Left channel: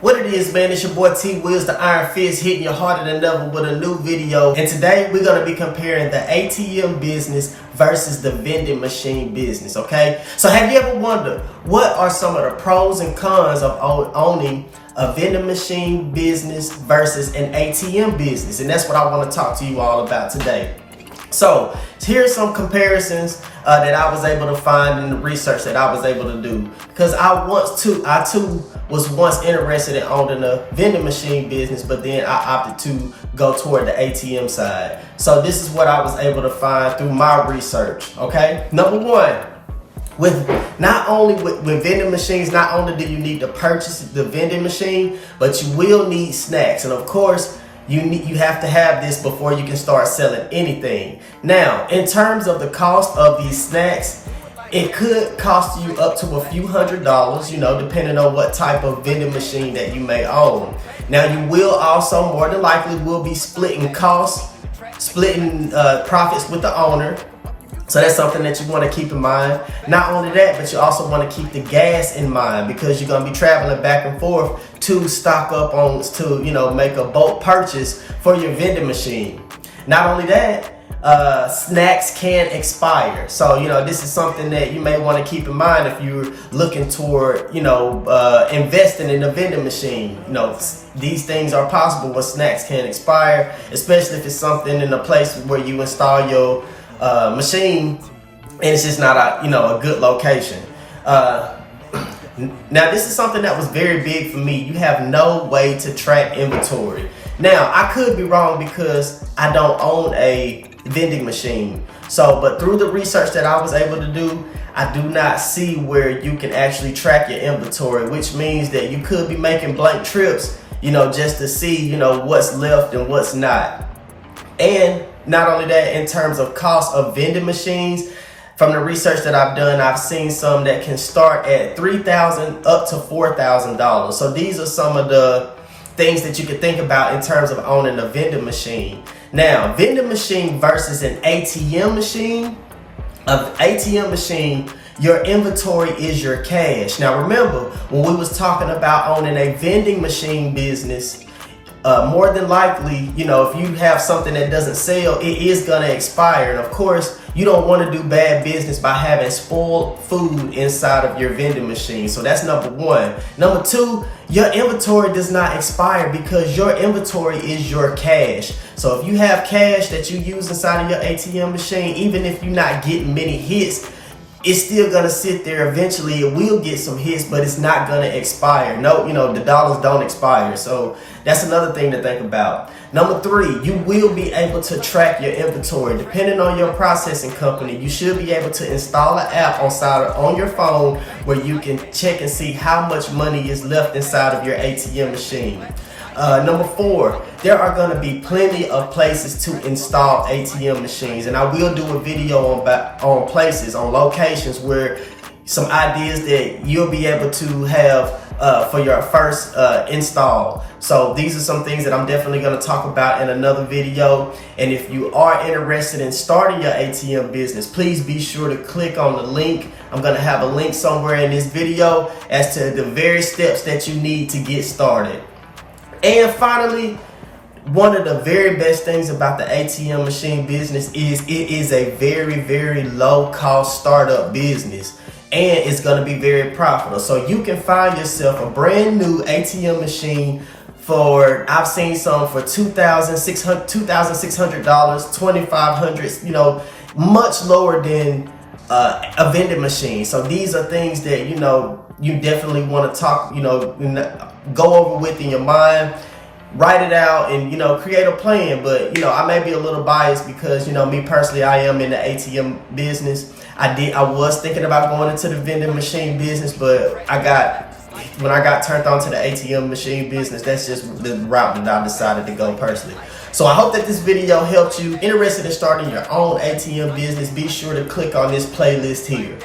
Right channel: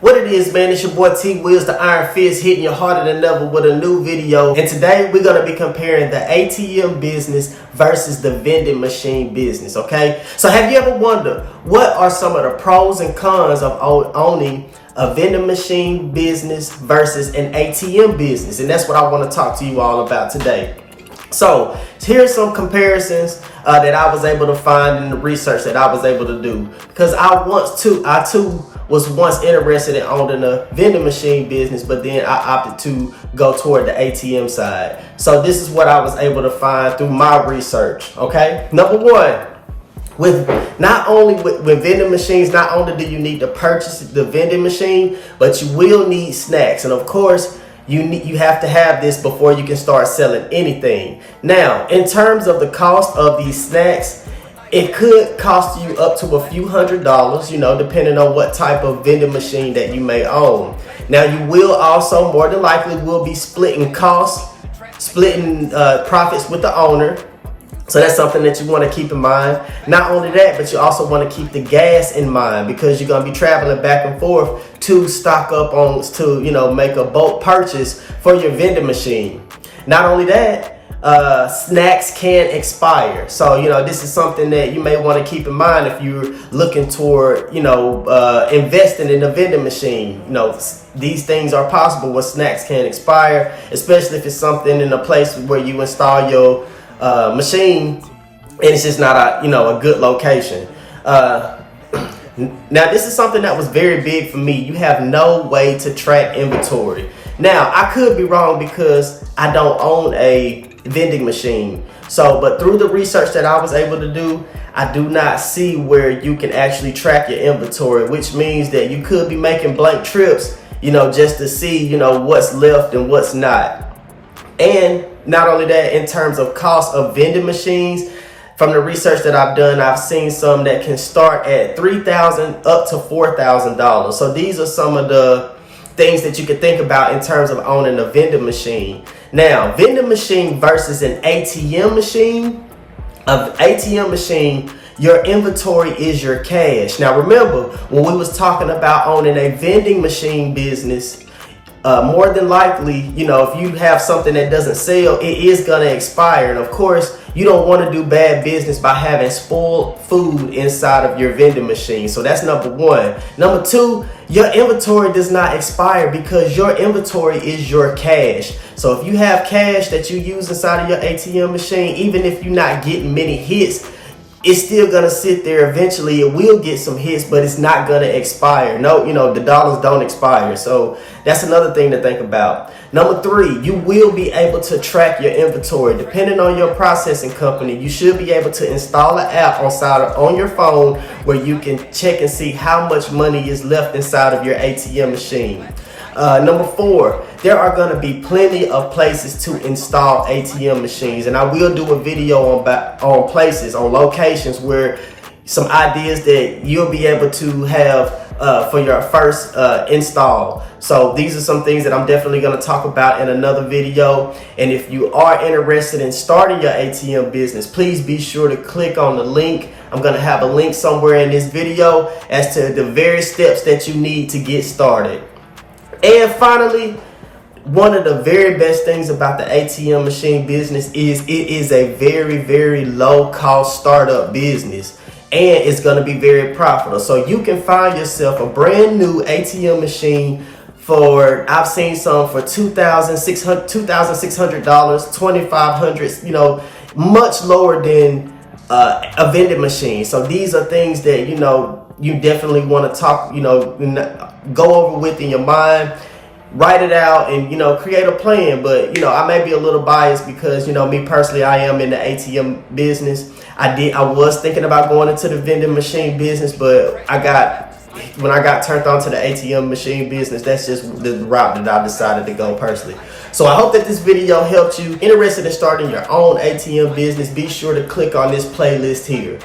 What it is, man, it's your boy T Wheels, the Iron Fist, hitting you harder than ever with a new video. And today we're going to be comparing the ATM business versus the vending machine business, okay? So have you ever wondered what are some of the pros and cons of owning a vending machine business versus an ATM business? And that's what I want to talk to you all about today. So here's some comparisons that I was able to find in the research that I was able to do, because I too was once interested in owning a vending machine business, but then I opted to go toward the ATM side. So this is what I was able to find through my research. Okay, number one, with vending machines, not only do you need to purchase the vending machine, but you will need snacks, and of course you have to have this before you can start selling anything. Now, in terms of the cost of these snacks, it could cost you up to a few $100s, depending on what type of vending machine that you may own. Now, you will also more than likely will be splitting costs, profits with the owner. So that's something that you want to keep in mind. Not only that, but you also want to keep the gas in mind, because you're going to be traveling back and forth to stock up on, make a bulk purchase for your vending machine. Not only that, snacks can expire. So, this is something that you may want to keep in mind if you're looking toward, investing in a vending machine. These things are possible when snacks can expire, especially if it's something in a place where you install your machine and it's just not a good location. Now, this is something that was very big for me. You have no way to track inventory. Now, I could be wrong because I don't own a vending machine. But through the research that I was able to do, I do not see where you can actually track your inventory, which means that you could be making blank trips, just to see, what's left and what's not. And not only that, in terms of cost of vending machines, from the research that I've done, I've seen some that can start at $3,000 up to $4,000. So these are some of the things that you could think about in terms of owning a vending machine. Now, vending machine versus an ATM machine. An ATM machine, your inventory is your cash. Now, remember, when we was talking about owning a vending machine business, more than likely, if you have something that doesn't sell, it is going to expire. And of course, you don't want to do bad business by having spoiled food inside of your vending machine. So that's number one. Number two, your inventory does not expire because your inventory is your cash. So if you have cash that you use inside of your ATM machine, even if you're not getting many hits, it's still gonna sit there. Eventually it will get some hits, but it's not gonna expire. No, the dollars don't expire. So that's another thing to think about. Number three, you will be able to track your inventory. Depending on your processing company, you should be able to install an app on your phone where you can check and see how much money is left inside of your ATM machine. Number four, there are going to be plenty of places to install ATM machines, and I will do a video on places, on locations where some ideas that you'll be able to have for your first install. So these are some things that I'm definitely going to talk about in another video. And if you are interested in starting your ATM business, please be sure to click on the link. I'm going to have a link somewhere in this video as to the various steps that you need to get started. And finally, one of the very best things about the ATM machine business is it is a very, very low cost startup business, and it's going to be very profitable. So you can find yourself a brand new ATM machine I've seen some for $2,600, $2,500, much lower than a vending machine. So these are things that, you definitely want to talk, go over with in your mind, write it out, and, create a plan. But, I may be a little biased because, me personally, I am in the ATM business. I was thinking about going into the vending machine business, but when I got turned on to the ATM machine business, that's just the route that I decided to go personally. So I hope that this video helped you. Interested in starting your own ATM business, be sure to click on this playlist here.